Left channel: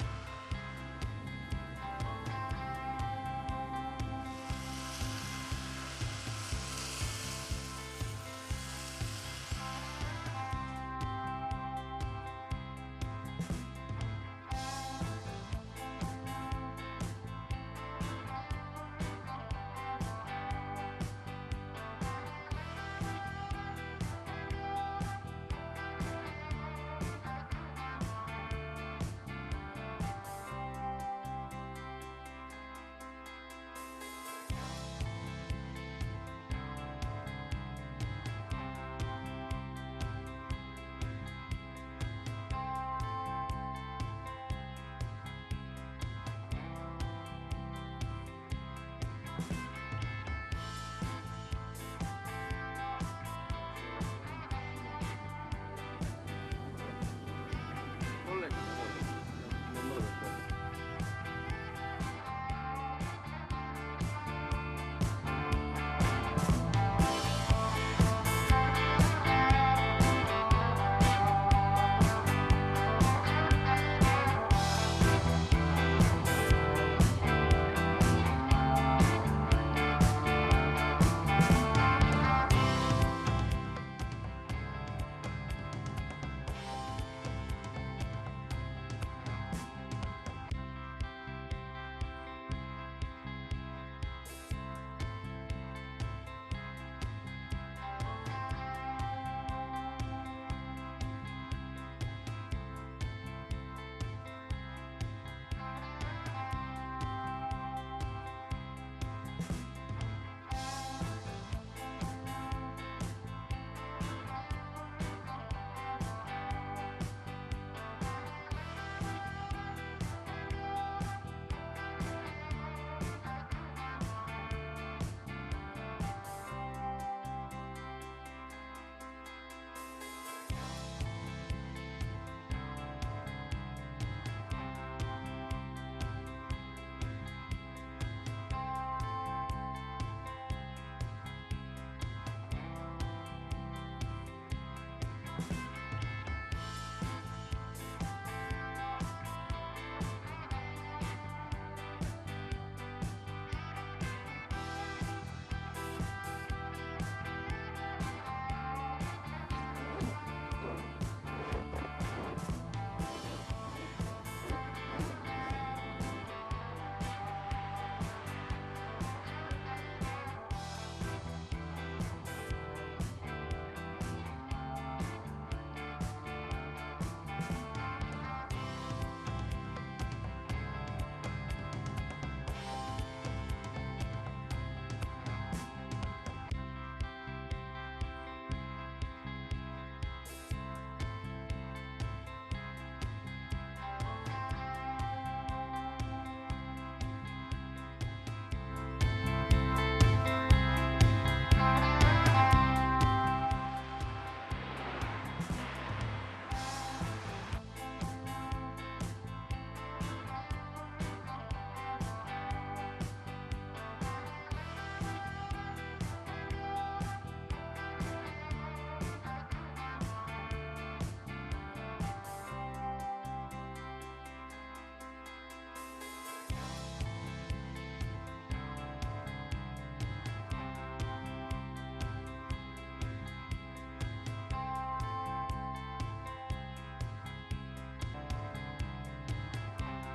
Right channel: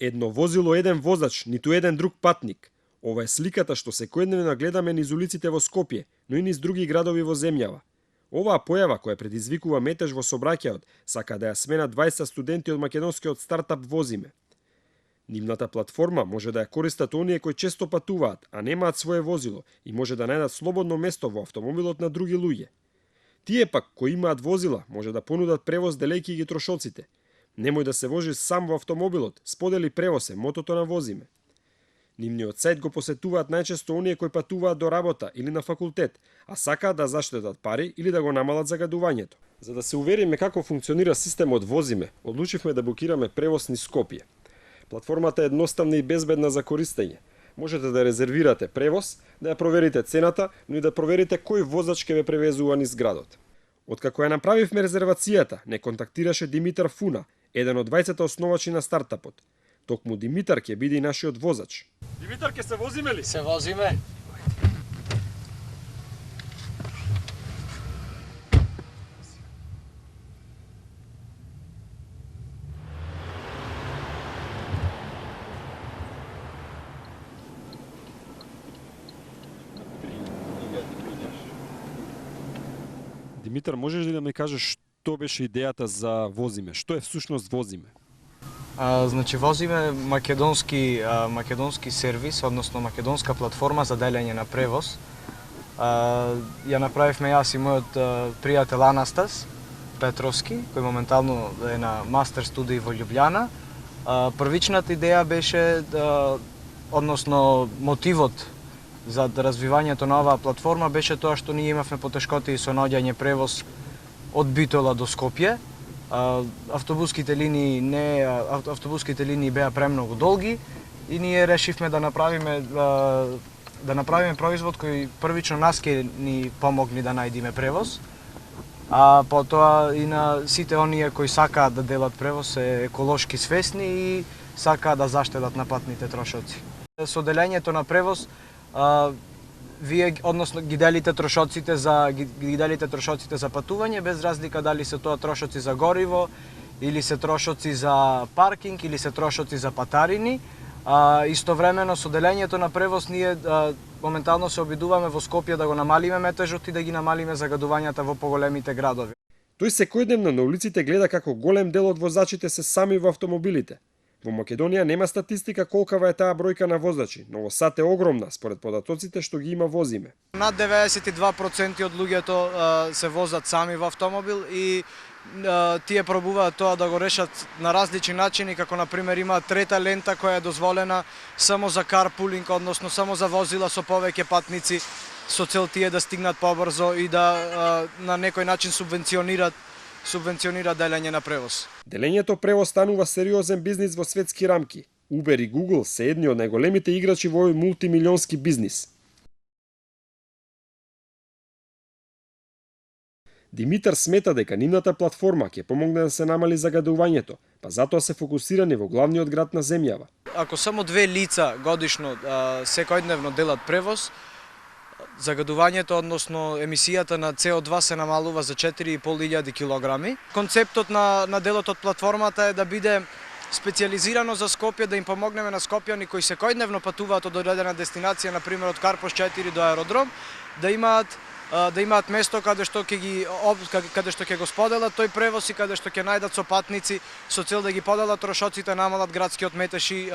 Едно возило, еден возач, ниту еден друг патник. Ова е сликата што секојдневно гледаме низ улиците во Скопје, но и низ други градови во земјава. Оваа појава која предизвикува метеж во сообраќајот, сака да ја смена 20 студенти од македонскиот стартап Возиме. Нивната платформа може да ја користат оние кои често патуваат, а немаат свое возило и може да најдат слободно место во автомобилот на други луѓе. Тие пак кои имаат возила може да понудат превоз делејќи ги трошоците. Немој да се вожиш сам во автомобилот, сподели превоз е мотото на Возиме. Нивниот сајт го посетуваат најчесто оние кои патуваат до работа или на факултет, а сакаат да заштедат пари или да го намалат загадувањето. За да се увериме како функционира системот Возиме, одлучивме да букираме превоз низ Скопје. Платформата е едноставна и безбедна за користење. Можете да резервирате превоз, да ја проверите цената, но и да проверите кој возач ќе ве превезува низ градот. Откако ја направивме резервацијата, не контактираше Димитар Фуна, еден од 20 основачи на стартапот. Токму Димитар ќе биде и нашиот возач. Димитар, ќе се возиме ли? Се возиме. Димитар, можеш ли да ми кажеш што беше идејата за Возиме? Што е всушност Возиме? Значи Возиме македонски сервис, односно македонска платформа за делење на превоз. Ја направивме јас и мојот пријател Анастас Петровски, кој моментално е на мастер студии во Љубљана. Првичната идеја беше односно мотивот за развивањето на оваа платформа беше тоа што ние имавме потешкоти со наоѓање превоз од Битола до Скопје. Автобуските линии беа премногу долги и ние решивме да направиме производ кој првично нас ќе ни помогне да најдеме превоз, а потоа и на сите оние кои сакаат да делат превоз се еколошки свесни и сакаат да заштедат на патните трошоци. Со делењето на превоз вие односно ги делите трошоците за патување без разлика дали се тоа трошоци за гориво или се трошоци за паркинг или се трошоци за патарини. Истовремено со делењето на превоз ние моментално се обидуваме во Скопје да го намалиме метежот и да ги намалиме загадувањата во поголемите градови. Тој секојдневно на улиците гледа како голем дел од возачите се сами во автомобилите. Во Македонија нема статистика колкава е таа бројка на возачи, но во САД е огромна според податоците што ги има Возиме. Над 92% од луѓето се возат сами во автомобил и тие пробуваат тоа да го решат на различни начини, како на пример има трета лента која е дозволена само за карпулинг, односно само за возила со повеќе патници, со цел тие да стигнат побрзо и да на некој начин субвенционира делење на превоз. Делењето превоз станува сериозен бизнис во светски рамки. Uber и Google се едни од најголемите играчи во овој мултимилионски бизнис. Димитар смета дека нивната платформа ќе помогне да се намали загадувањето, па затоа се фокусирани во главниот град на земјава. Ако само 2 лица годишно секојдневно делат превоз, загадувањето, односно емисијата на CO2 се намалува за 4.500 килограми. Концептот на делот од платформата е да биде специјализирано за Скопје, да им помогнеме на скопјани кои секојдневно патуваат од одредена дестинација, на пример од Карпош 4 до аеродром, да имаат место каде што ќе го споделат тој превоз и каде што ќе најдат сопатници со цел да ги поделат трошоците, намалат градскиот метеж и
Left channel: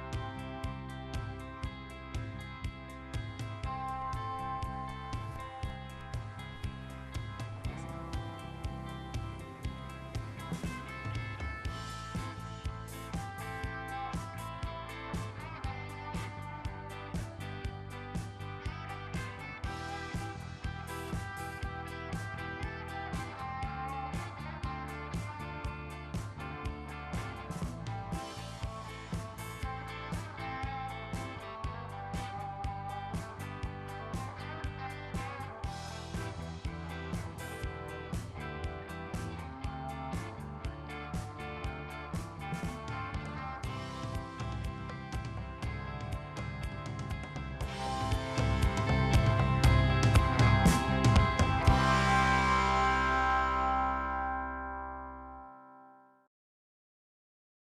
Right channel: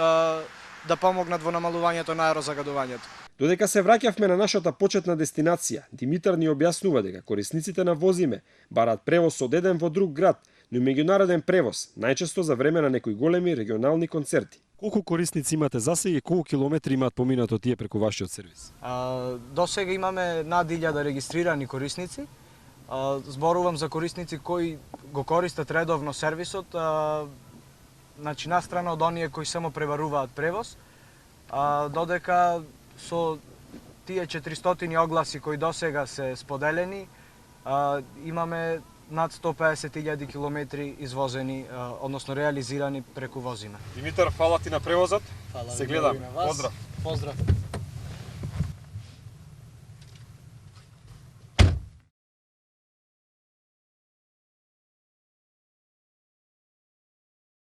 да помогнат во намалувањето на аерозагадувањето. Додека се враќавме на нашата почетна дестинација, Димитар ни објаснува дека корисниците на Возиме бараат превоз од еден во друг град, но меѓународен превоз, најчесто за време на некои големи регионални концерти. Колку корисници имате засега и колку километри имаат поминато тие преку вашиот сервис? До сега имаме над 1000 регистрирани корисници. Зборувам за корисници кои го користат редовно сервисот, значи настрана од оние кои само пребаруваат превоз, додека со тие 400 огласи кои досега се споделени, имаме над 150.000 километри извозени, односно реализирани преку Возиме. Димитар, фала ти на превозот. Се гледам. Поздрав. Поздрав.